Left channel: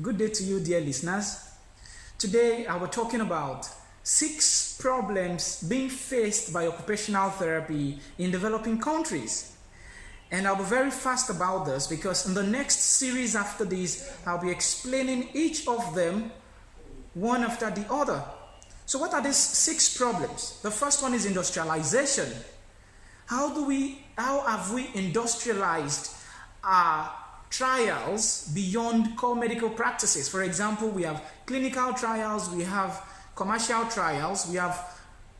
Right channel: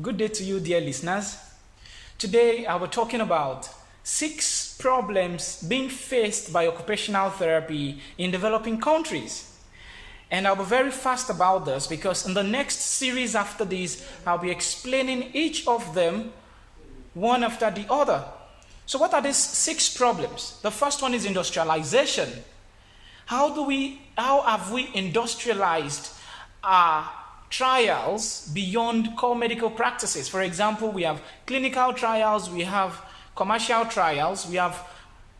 Good day to you, dear listeners. Today, I will be talking about 6 problems being faced by occupational therapy in developing countries. And I'll be very fast about this because in the next series after this, I'll be explaining each of them one after the other. So what are these 6 problems? The first one is industrialization. How have we industrialized our trials beyond core medical practices? For example, we have clinical trials, we have commercial trials, we have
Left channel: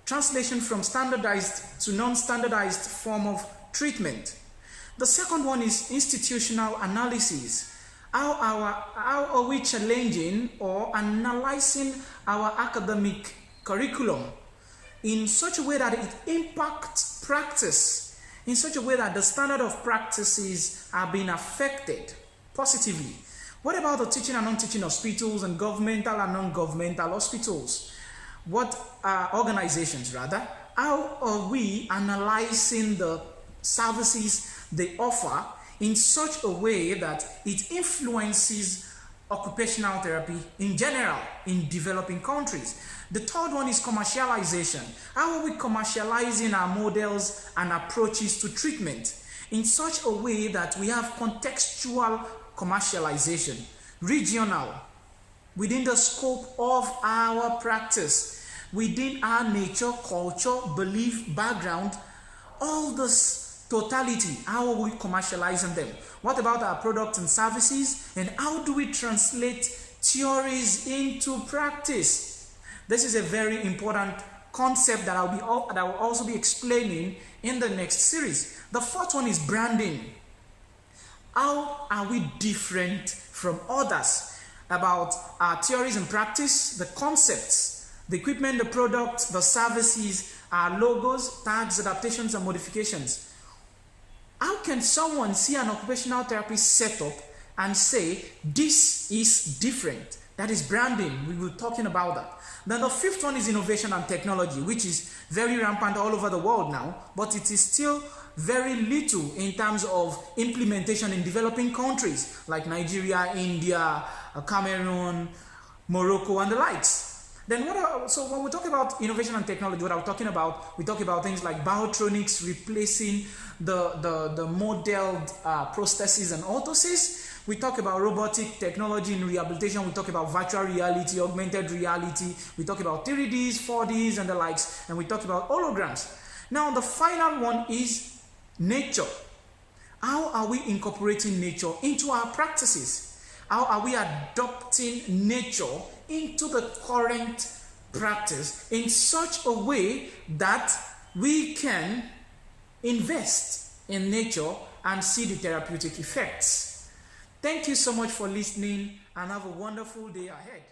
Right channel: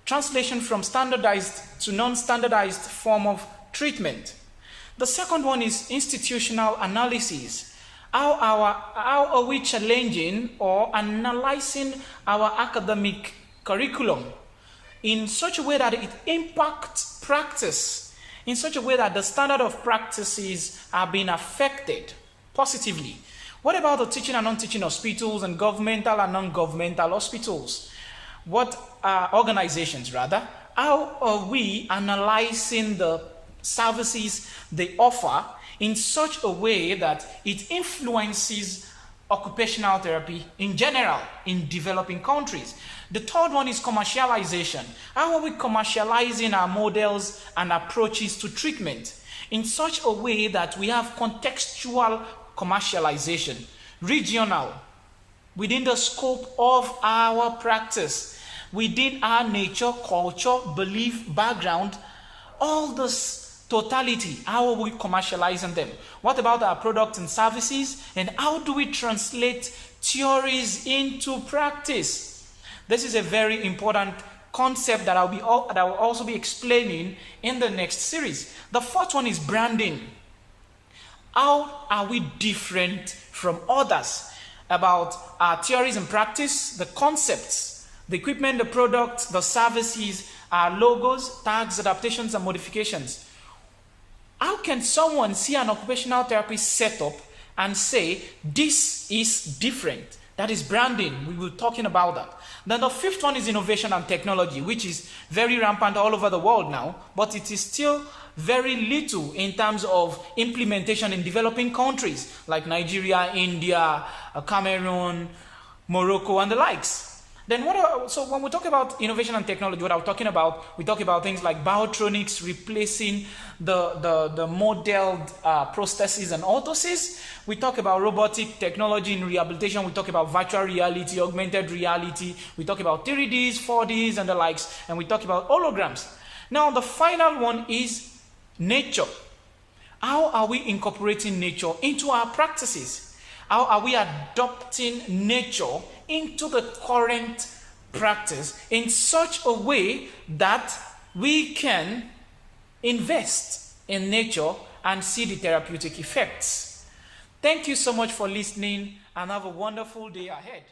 translation from standardized to non-standardized form of treatment. The second one is institutional analysis. How are we challenging or analyzing our academic curriculum in such a way that it impacts practice, in such a way that the standard of practices are being affected positively? What about the teaching and non-teaching hospitals and governmental and non-governmental hospitals? What organizations rather? How are we analyzing the services they offer in such a way that it influences occupational therapy in general in developing countries? The third one is commercialization. How are we commercializing our models and approaches to treatment in such a way that we have contextual commercialization, regional, within the scope of our practice, within our nature, culture, belief, background, all this totality? How are we commercializing them? What about our products and services? And how do we translate theories into practice? This is a very important concept that I will also be explaining in the next series. The fourth one is branding. How are we different from others about our theories and practice, the concepts, the equipment, the products, the services, our logos, tags, adaptations, and modifications? How can someone see an occupational therapy setup and say, this is different? That is branding. We were talking about that. Then the fifth one is innovation and technology, which is very rampant all over the world now, but it is still very little in terms of implementation in developing countries like Nigeria, India, Cameroon, Morocco, and the likes. Then so when we talk about innovation and technology, what I'm talking about, we talk about things like biotronics replacing the modeled prostheses and orthoses. We talk about robotic technology in rehabilitation. We talk about virtual reality, augmented reality. We talk about 3Ds, 4Ds, and the likes. And we talk about holograms. Now, the final one is nature. How are we incorporating nature into our practices? How are we adopting nature into the current practice in such a way that we can invest in nature and see the therapeutic effects? Thank you so much for listening and have a wonderful day ahead.